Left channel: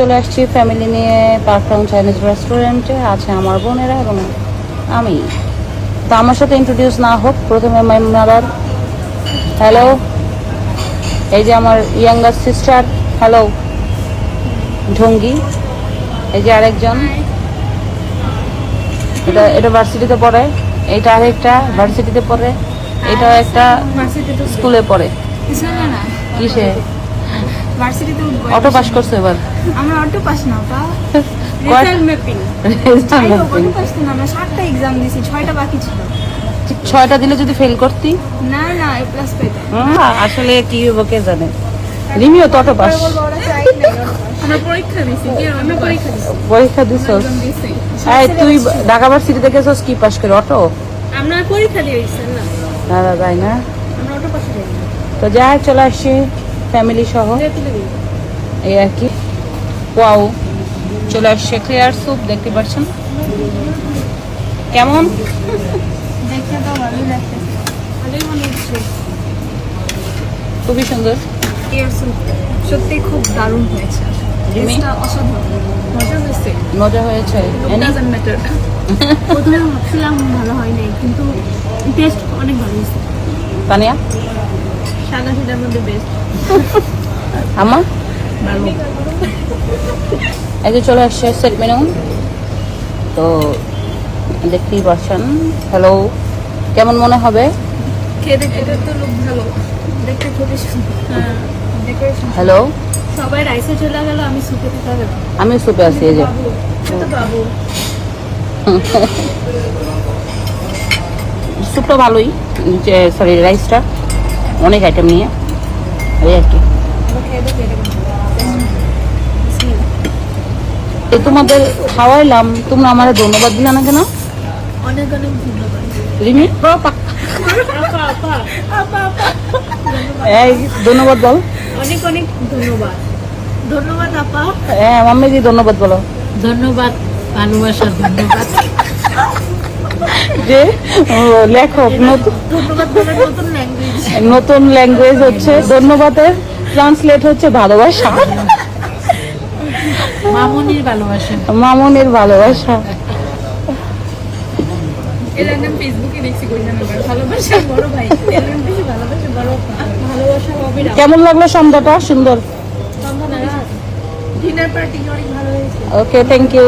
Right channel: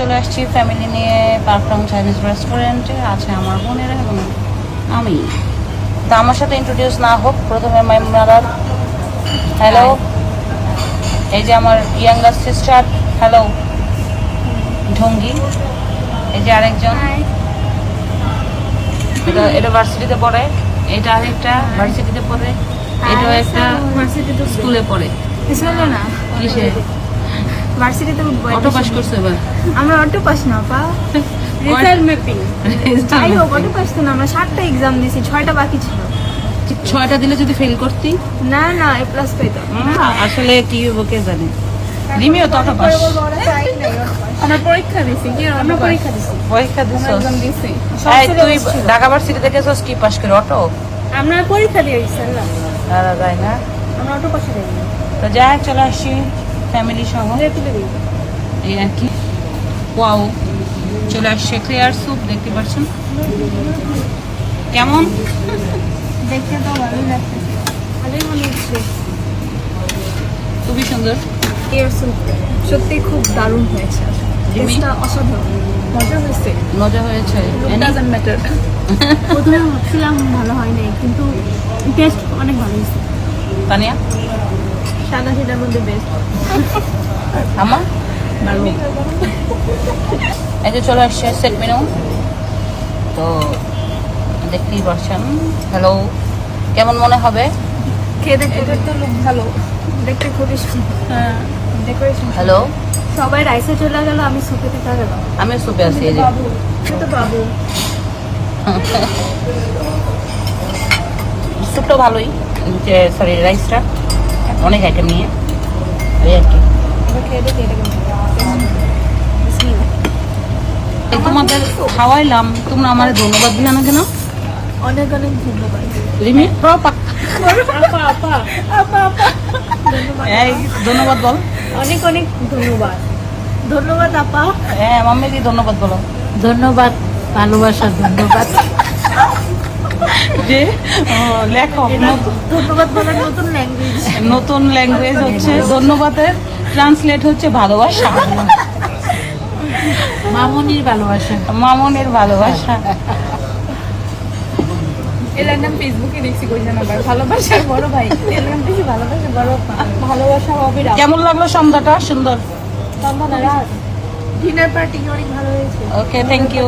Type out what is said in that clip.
চলে আসছি ফ্যামিলি নিয়ে পারফিউম চাইনিজ রেস্টুরেন্টে আছে আমার বোনেরা এবং আমি। তা আমার সাথে ইন্ট্রোডিউস না হোক প্রথমে মাইনুনালার হ্যালো এই যে আমার ইয়াঙ্গার সিস্টার হ্যালো ঢঙ্গি। এই যে আরেকজন। এটা এটা ভার্সিটিতে পড়ে। এটা আরেকটা ভার্সিটিতে পড়ে। এটাও একটা স্কুলে পড়ে। না? কিসে? ভার্সিটিতে উঠবো অটো পাস করছে এবার? আমরা অটো পাস না পা। রেজাল্ট ম্যাপিং যাই হোক অটো পাস তো না আমরা সাতটা এক্সাম দিয়েছি ছয়টা বাকি ছিল। ছয়টা দিলে যদি ফেল করতি? না না এ প্লাস পেতাম। আসলে কি হব কে জানে? রিমিও তো অটো পাস আমরা পরীক্ষা দিছি কি আমরা পরীক্ষা দিছি। পরীক্ষা দিছিস? এক্সাম দিছি। তুই ঢাকা ভার্সিটি থেকে গেছিস কি পাস করে অটো আমরা পরীক্ষা দিয়ে দিছি না? না যাই না? আমরা অটো পাস দিই তো যাই চলে আসছি ফ্যামিলি সহ। এই আর কি। ওয়াও চলে আসছে ক্লিয়ার স্যুপ দেখতে পাচ্ছেন? কেমন? দেখতে তো ভালোই লাগতেছে ভালোই মনে হচ্ছে। খুবই সুন্দর। এয়ার স্যুপ সত্যি খুব দারুণ হয়েছে? টেস্টটা অসাধারণ। মজা হয়েছে। মজা হয়েছে। ডাজন্ট ম্যাটার প্রথমে ভাবছিলাম ভালো হয় নাই কিন্তু টেস্ট অনেক ভালো হয়েছে। তানিয়া? সাদা সেটার মধ্যে বেস্ট আমার ভালো এই যে চলে আসছে সেট মেনু তো দেখতেই পাচ্ছেন। হ্যালো কেমন মনে হবে? খেয়ে দেখতে তো লুক ভালো। দেখতে খুবই হ্যাঁ। ডেকোরেশন হ্যালো সবাই রাইসে চলে গেল আমি সুপেতে চলে গেলাম আমি সুপে আছি এই যে। তো বাবু। স্যুপটা ভালোই। যে সরি রাইসটা অনেক আইটেম নিয়ে। এই আর কি। তোমাদের খাওয়াইলাম তোমরা আমার ধন্যবাদ দিলে না কেন? অনেক অনেক ধন্যবাদ রিমি এই বল। অনেক অনেক ধন্যবাদ। ধন্যবাদ আপা হ্যাঁ মাম্মি দি ধন্যবাদ বলো। ধন্যবাদ ভালোবাসার ধন্যবাদ। যে ধন্যবাদ বলার নতুন ল্যাঙ্গুয়েজ নতুন ল্যাঙ্গুয়েজ হচ্ছে ধন্যবাদের। ট্রান্সলেট হচ্ছে ভালোবাসা। মামনির ভালোবাসা। মামুনের ভালোবাসা। এর নাম ফেসবুকে দেখছি কইছেন আবার। ভালোবাসার বড় ভাই। এর নাম বেশি ভালোবাসা বড় ভালোবাসা হবে কেমন লাগল সন্ধ্যাটা? সুন্দর। ডিনার পার্টি অনেক ভালো হয়েছে। Okay thank you